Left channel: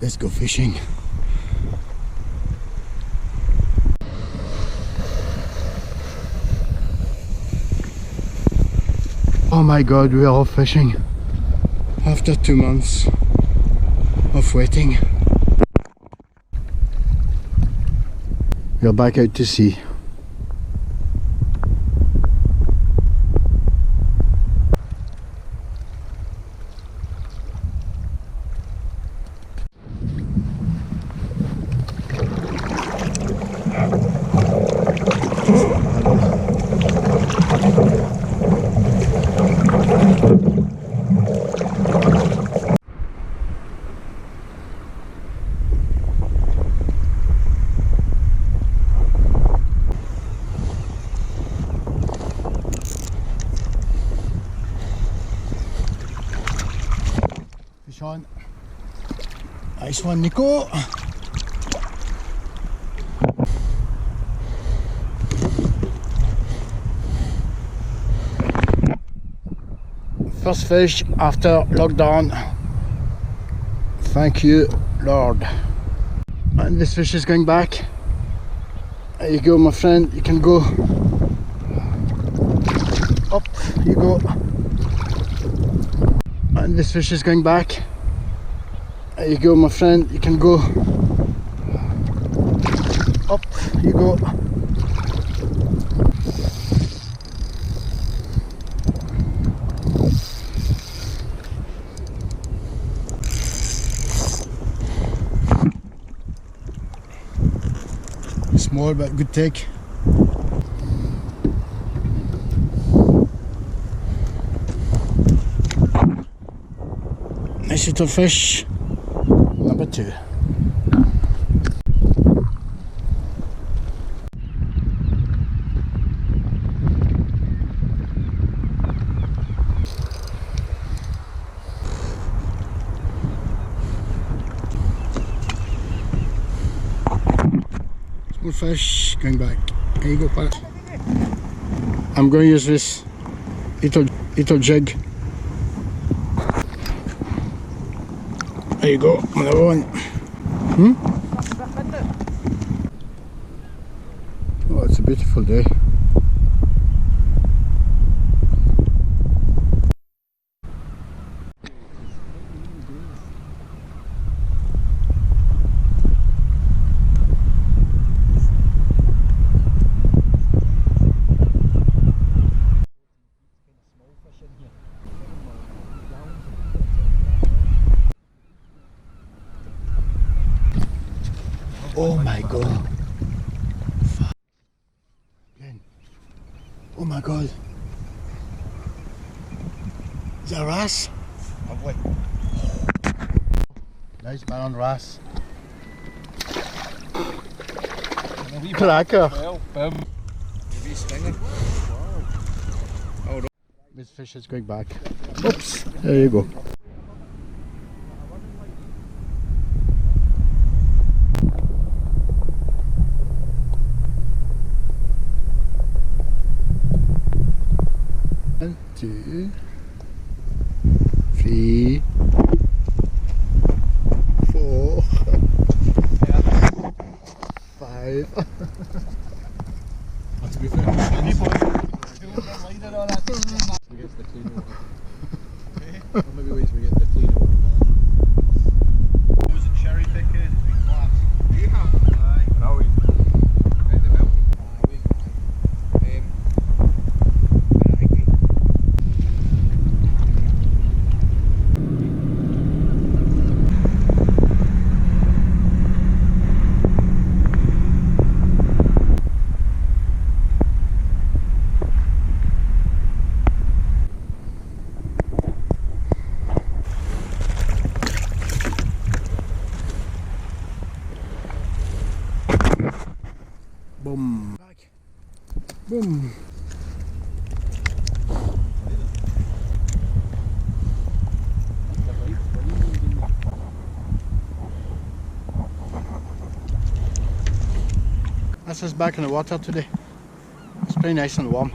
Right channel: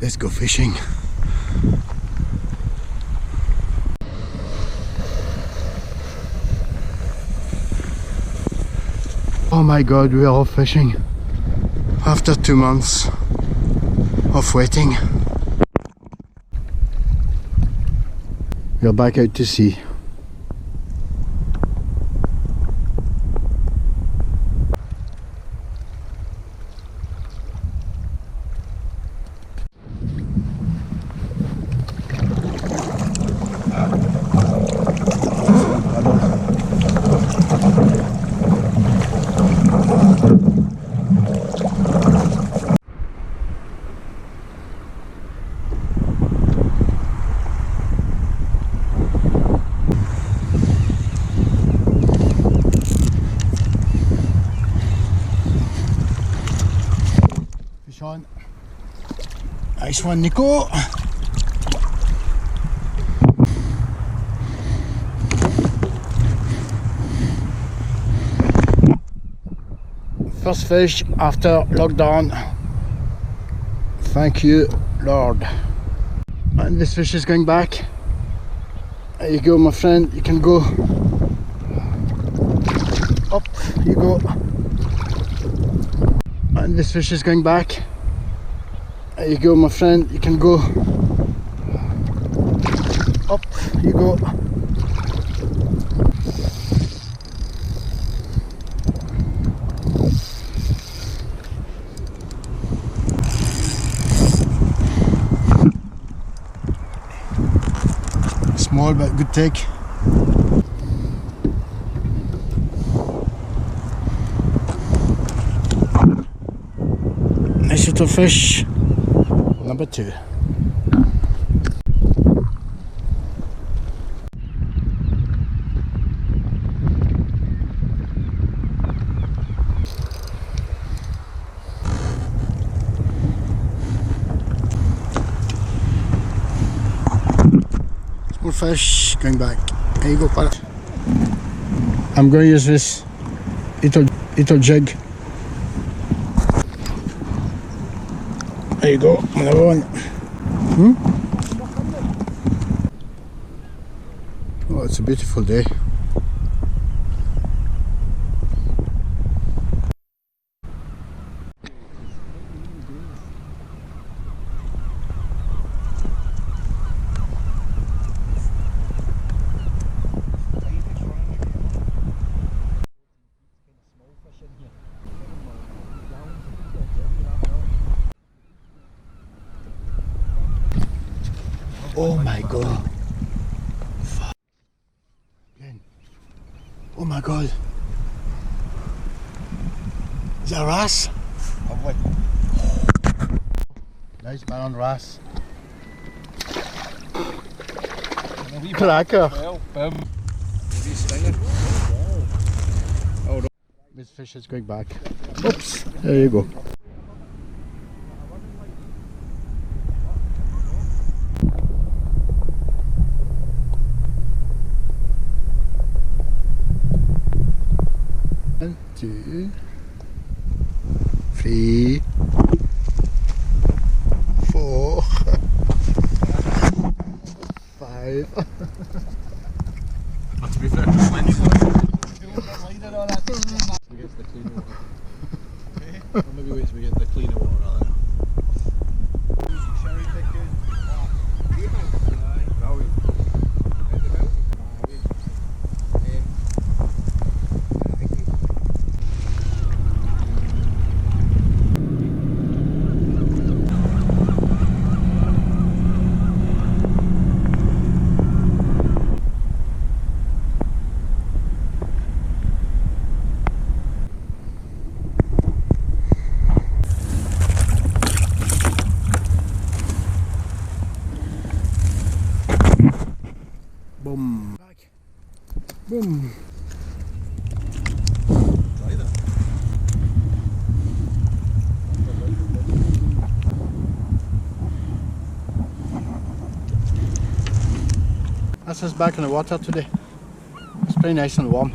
Let's go fishing. Oh my god, we are off fishing after 2 months of waiting. We are back out to sea. Excellent paddle. Fish on. Nice one, Nico. First fish after lockdown. Thank you, Lord. And this fish is going back. There you go, my friend. You can go up. You go. And this fish is going back. There you go, my friend. You can go up. You go. Small but good take. Nice little fish, number 2. Small fish going back. There you go, pal. I'm going to use this little jig. There you go, another one. Oh, it's a beautiful day. Oh my god. Fuck. Again. Oh my god. Is that a wrasse? Lovely. Nice man on wrasse. Cracker. Maybe stinger. Oh, this fish is going back. Oops. There you go. One, 2, 3, 4, 5. But to be fair, just Wednesday. Or maybe wait till we get the cleaner water. Cherry pickers. Right. Boom. Back. Boom. That's us back in the water today. It's pretty nice and warm.